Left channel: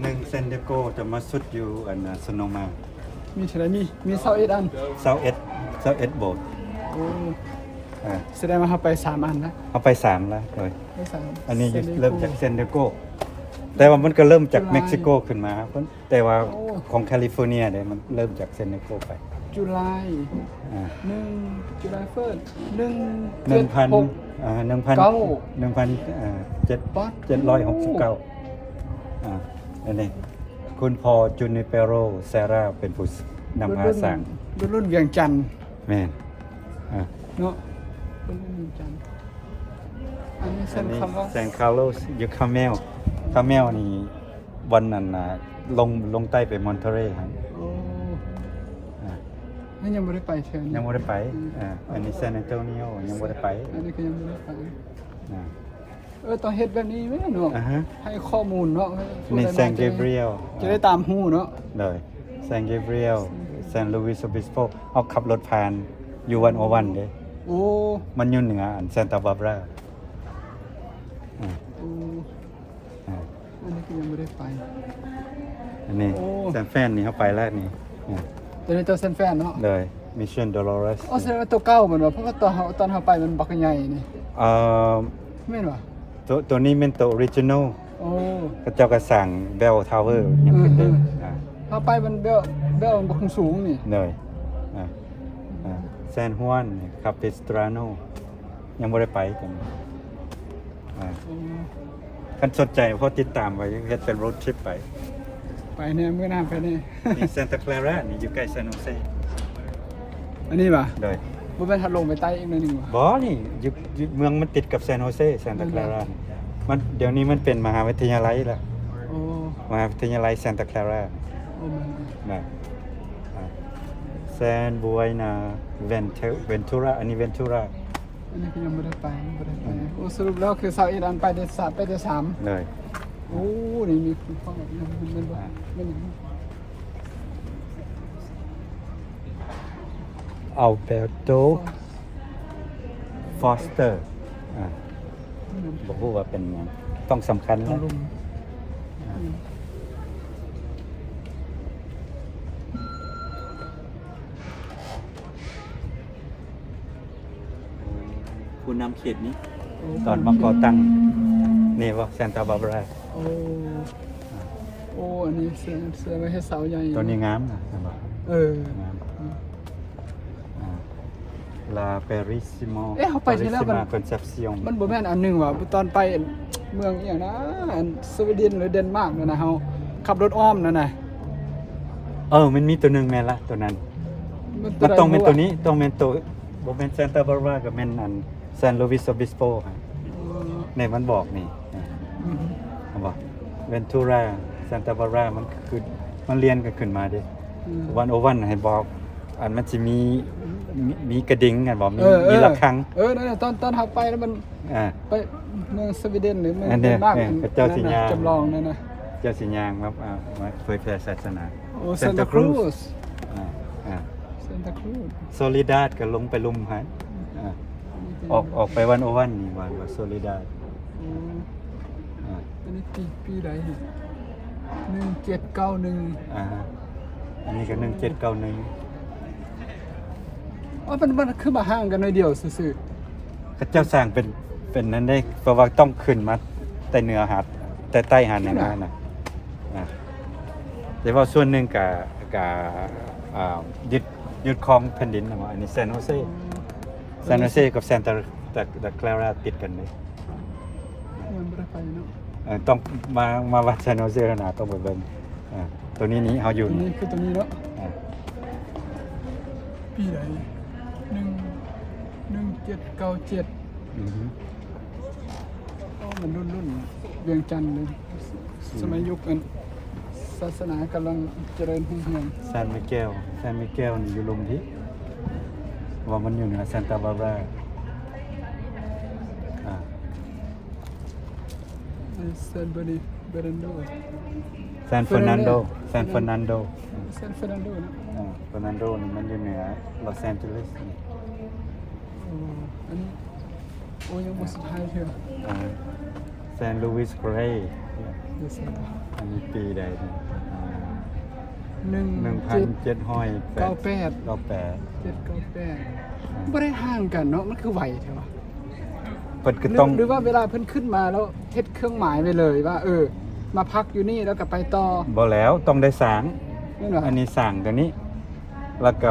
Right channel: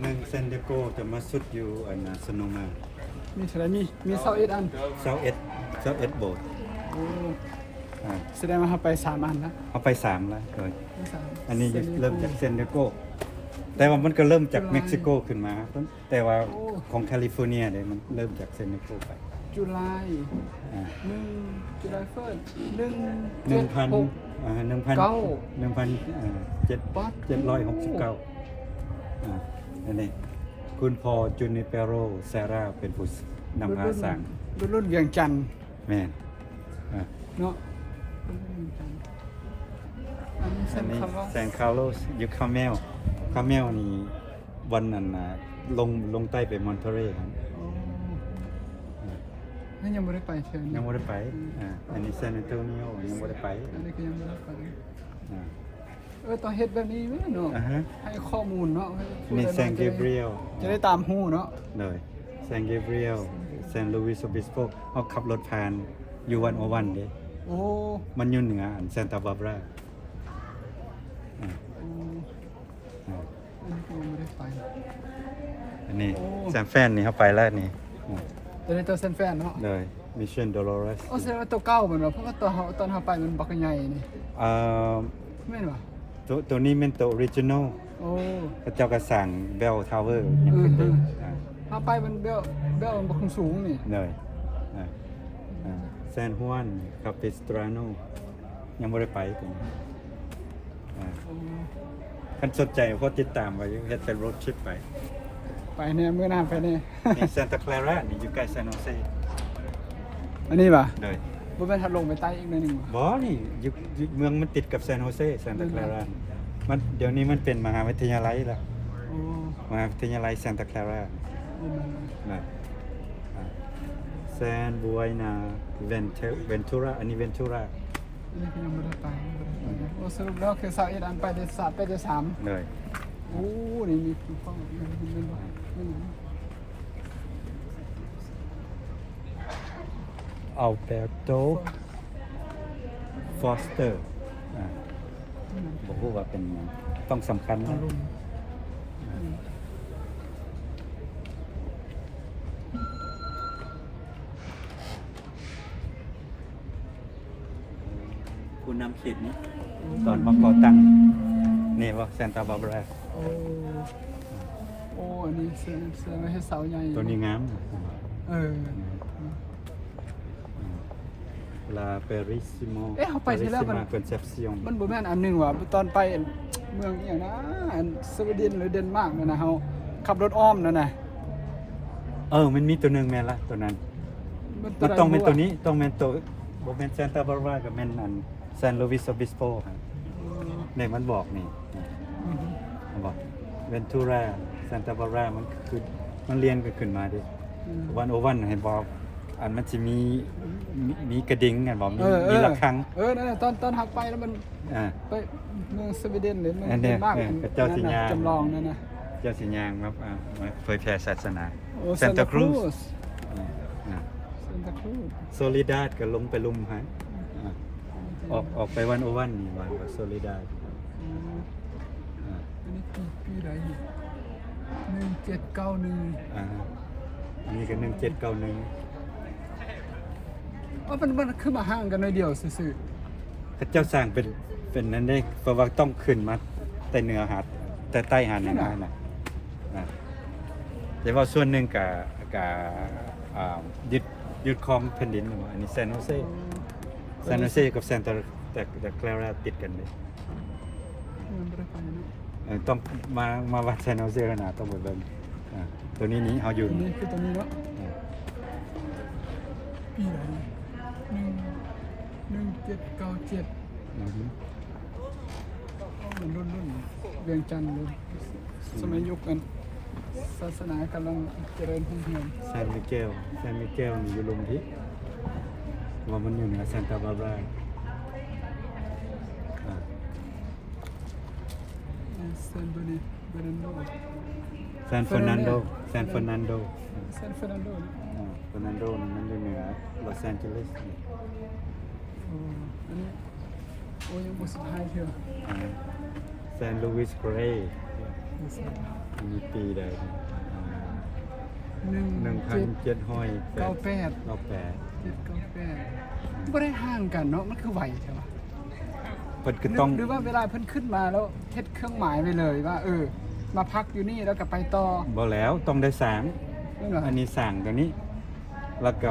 หนึ่งเซนเดโกจะมาสุดอยู่อันสโนมา มีเท่าไหร่มี21อัน เซาเอ็ดโบส โอ้ อ่า แสดงว่าเขาไป3อันนะ เอาไป3แล้วเลย ไป3 อันนี้เริ่มจากเซนเดโกแต่ว่ามันก็เริ่มจากเม็กซิโกขึ้นมาแต่ว่าของแคลิฟอร์เนียเนี่ยมันเริ่มจากเซนเดโกไป จุลาย อ่า 1จุลายเฟิร์ส 1,000 769อันนี้คุณพอจูนิเปโรเซราเป็นผู้นำมาสร้าง รุ่นเวียงจันทร์ แม่นอ่า เนาะรุ่นเวียงจันทร์อันนี้เส้นคำว่า แซนคาร์โลสอยู่คาเมลนี่วันนั้นน่ะลงใต้ไปมอนเทเรย์ครับ โอ้ อ่า นั่นยังไม่ได้ไปเชิญ ยังไม่ได้ไปอันนี้ซานอันโตนิโอยังไม่ได้ไป อันนี้ก็ยังไม่ได้ไป อ่า ต้องเฮ็ดแบบนี้ไหมเนาะ อ่าฮะ ให้ข้อมูลเนาะให้ผู้ นี่ ใด แซนเกเบรียล จะได้ตามหูเนาะ เลยแซนเกเบรียลแซนลูอิสโอบิสโปเอาขับรถผ่านอยู่101เด้ โอ้ มันอยู่เหนืออันซานตาบาบรา โอ้อันนี้ก็ยังไม่ได้ไป อันนี้ โอ้ แซมแฟนนี่เข้าไปแล้วนี่ ตัวนี้ตัวเซนแฟนเนาะ เลยมิชชั่นดอลอรัส โอ้แสดงว่าตัวเก่าเหมือนว่าเพราะว่าตอนเขาไปมันบักใหญ่นี่ เอ่อ แม่นวะ ตัวนี้เป็นตัวออริจินอล โอ้ ก็เจ้าก็สั่งเบลทาวเวอร์ยังขึ้นได้อ่า เขาไปมันเบลมันบักสูงนี่ เลยแซนฮวนคาปิสตราโนยังไม่ได้ไปกัน โอ้ คันสนใจเพราะติดตามไว้เฮ็ดเป็นรถทริปไป ไปเนี่ยเมื่อหน้าไปเนี่ย นี่ซานตาคลารานี่อยู่ใกล้ซานโฮเซ อันนี้ป่ะ เลย บ่เป็นทัดลงไปใต้อีกหน่อยหนึงว่ะ บอนี่อยู่เมืองมันติดกับซานโฮเซซานตาคลารามันเดี๋ยวนี้มันเป็นมหาวิทยาลัยแล้ว โอ้ มหาวิทยาลัยซานตาคลารา โอ้แม่น นะแซนบัวนาเวนทูราอันนี้เวนทูรา อันนี้ก็ยังไม่ได้ไปโอ้สรุปแล้วคือ21อันไปได้3ไปได้3 เลย โอ้นี่มีคุณพ่อแบบนั้นเป็นบ่แม่นอย่างนี้ อัลเบโตฟอสเตอร์ผมพูดว่าเป็นต้องสำคัญ เอา นะ ลง ผู้นำเขตนี้ตอนมาก่อตั้งนี่ว่าซานตาบาบรา โอ้โอ้อันนี้เสือไม่ให้เสาใหญ่ ตัวนี้งามนะ เออ ลาเปริซิโม เอ๊ะเขาไปที่แล้วมัน คอนเซปซิอง มันบ่แม่นอันหนึงว่ะตอนไปเมืองอีหยังนะอันสวีเดนหรือเดนมาร์กนั่นนะเฮาขับรถอ้อมนั่นน่ะ มันมีตัวหนึ่งแม่นละตัวนั้น มัน มันต้องเป็น ใด ตัวนี้ต้องเป็นตัวบ่เป็นซานตาบาบรากับเป็นอันซานลูวิสโอบิสโป เออ ในมันบอกนี่ อืม มันบอกเวนทูราซานตาบารามันคือมันเรียนกันขึ้นมาดิ อืม 101ให้บอกอันมันจะมีกระดิ่งกันบอกมี เออ ระฆัง นั่นน่ะตอนหักไปแล้วมัน อ่า ไปเมืองสวีเดนหรือเมือง อันเดี เด ยวน มาร์ก เนี่ย อัน เจ้า นั้น สิ น่ะ ญา จำลองนั่นน่ะ เจ้าสิญางครับมาเผยแผ่ศาสนา โอ้ซานตาครูส ซานตาครูส โซลิดาดก็ลงไปลุมฮะออกไป101นี่วันว่าโซลิดาด โอ้อันนี้ปีใดนี่1791 อันนี้ก็1791 อ๋อมันคือมาห่างกันหน่อยเดียวซื่อ เขาเจ้าสร้างเป็นนั้นได้เพราะว่าต้องขึ้นมาแต่เหนือหาดแต่ใต้หาดเหนือน่ะแต่ว่าส่วนหนึ่งกับยึดครองแผ่นดินนะว่าอันนี้ซานโฮเซกับซานตาคลาราติดกันเลย ๆยังบ่ได้ไปเนาะ ต้องมาวัดซานโฮเซแล้วนะต้องไปเบิ่งตัวนี้นี่เฮาอยู่ ตัวนี้คือตัวนี้เนาะ อ่า ปีใด1797 อือฮึ อ๋อมันรุ่นเวียงจันทร์เลยสมัยยุคนั้นศาสนากำลังเจริญรุ่งเรือง ซานมิเกลนี่อยู่ลุมที่ว่ามันอยู่เหนือซานตาบาบรา เซนเบอร์นีเบรนโด ซานเฟอร์นันโด เฟ เฟ อ อ ร์ ร์ นั นั น น โด โด เซนเฟอร์นันโดเนาะ เฟอร์นันโดนี่มันอยู่เหนือลอสแอนเจลิส โอ้อันนี้โอ้ยังบ่สุดท้ายเถอะ ซานลูอิสเกรย์ เดี๋ยวสิ อันนี้ปีใดเนี่ย 1798 1,798 บ่ได้ห่างกันเนาะมันคือไหวใช่ปะ เพิ่นก็ต้อง หรือว่าเวลาเพิ่นขึ้นมาแล้วเฮ็ดเครื่องหมายไปเลยว่า มาพักอยู่นี่แล้วก็ไปต่อ บ่แล้วต้องได้สร้าง นั่นเหรอ อันนี้สร้างตัวนี้ แล้วก็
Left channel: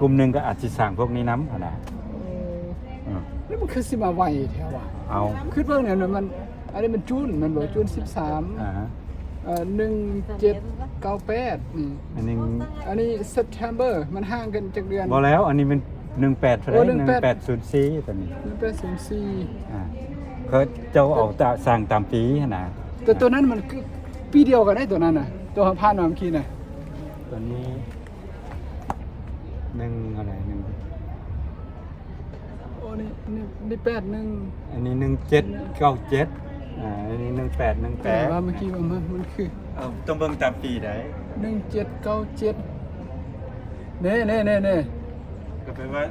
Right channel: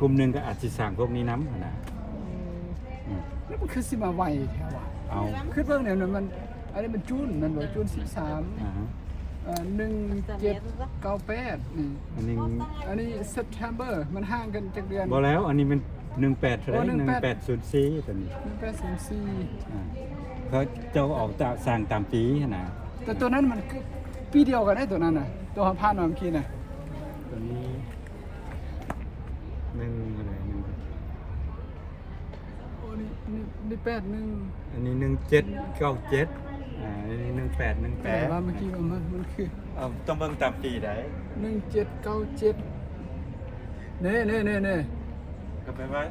กลุ่มหนึงก็อาจสิสร้างพวกนี้นำหั่นน่ะอืม แล้วมันคือสิมาไหวแท้ว่ะ เอา คือเบิ่งเนี่ยมันอันนี้มันจูนมันบ่จูน อ่าฮะ 1798นี่ อันนี้ อันนี้ September มันห่างกันจักเดือน บ่แล้วอันนี้มัน18เท่าไหร่ 1804ตัวนี้ 1804 อ่าเขาเจ้าออกตาสร้างตามปีหั่นน่ะ แต่ตัวนั้นมันคือปีเดียวกันได้ตัวนั้นน่ะตัวผ่านมาเมื่อกี้น่ะ ตัวนี้1อะไร1 โอ้นี่81 อันนี้1797อันนี้1818 แต่ว่าเมื่อกี้มันคือ เอาต้องเบิ่งตามปีได้ 1797นี่ก็แปลว่า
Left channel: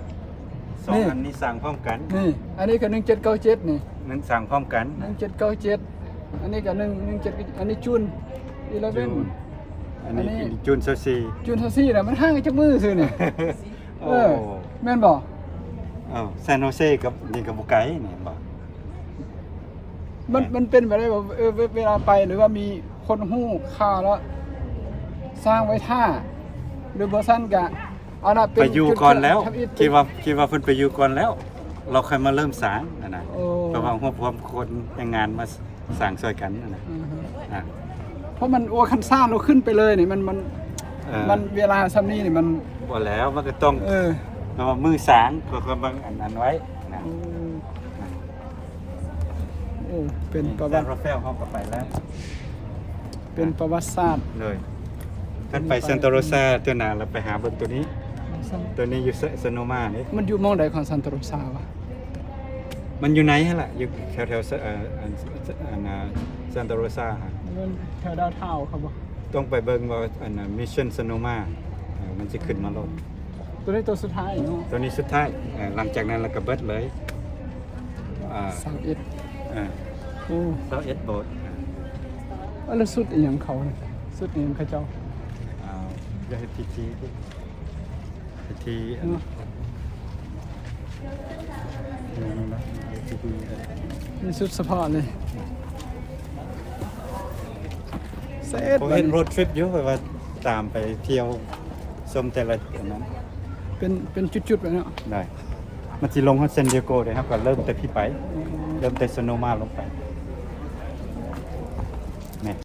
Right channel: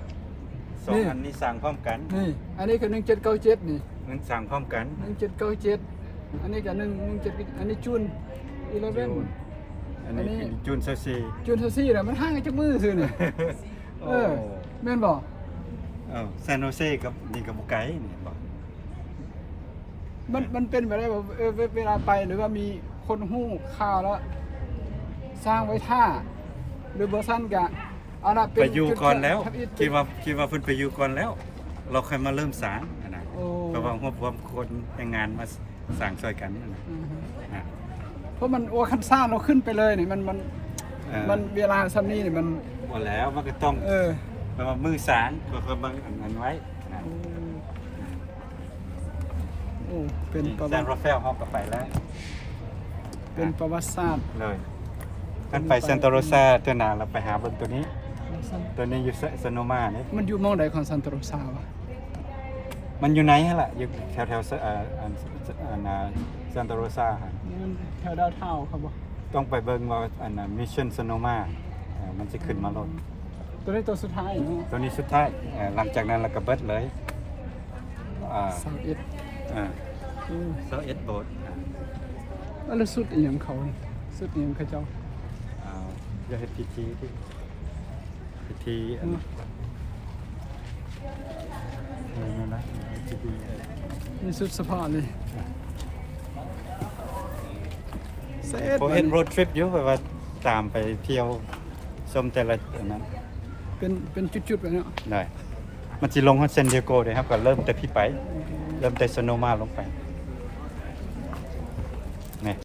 สองอันนี้สร้างพร้อมกัน นี่อันนี้ก็1797นี่ มันสร้างพร้อมกัน 1797อันนี้ก็17อันนี้จูน11 อันนี้จูน24 จูน24น่ะมันห่างกันจักมือซื่อนี่ โอ้ แม่นบ่ อ้าวซานโฮเซกับนี่กับบ่ไกลนี่บ่ มันเป็นไปได้บ่เวลาไปหรือว่ามีคนฮู้ข่าวแล้วสร้างไว้ท่าหรือบ่ซั่นก็เอาน่ะเป็น ไปอยู่ก่อนแล้ว ทำอิฐ คิดว่าเพิ่นไปอยู่ก่อนแล้ว เราค่อยมาเริ่มสร้างอันน่ะ โอ้ เพราะว่าพวกคนแต่งงานมาสร้างช่วยกันนั่นน่ะ อือฮึ อ่ะ เพราะมันโอ้คันซ่านเราขึ้นไปเลยนี่มัน เออ มันเวลาซ้ำนี้นี่มัน บ่แล้วมันก็ต้อง เพราะว่ามือสร้างก็เบิ่งอันนั้นไว้นะ โอ้เป็นประ ซา วัน ติ ราเฟลเฮาก็ไปแล้ว เป็นประวัติศาสตร์ เลยท่านไปซันโตโรซาตัวหนาเราไปหาเบิ่งตัวนี้ ตัวนี้อยู่ซโนมาเนี่ย มันอยู่หมองใดของซันโตโรซาวะ มันอยู่ไหนฮะล่ะอยู่แถวซันโตโรซาฮะ มันแถวดาวเท่าครับบ่ ต้องไปเบิ่งว่าอันมิชชั่นซโนมามันจะขึ้นมาลด ตัวนี้ตัวสุดท้ายเนาะ ตัวนี้สุดท้ายหลังจากนั้นเราก็เบิดเลย21โอ้ 21โบสถ์ แล้วสุดอีหยังเขาเนี่ยสุดอีหยังเขาเจ้า อย่าให้พิธีอัน เนาะนี่สุดเฉพาะเลยเสร็จ ผม บัด เห็น นี้ รูททริปอยู่แบบว่าตามไปเที่ยวชมแต่ละอันนั้น เป็นจุดๆไปเนาะ ได้มันจะลงฮอนเซนดิโกเลยครับก็เริ่มแต่พี่ไป เริ่มแต่โซโนมาลงไป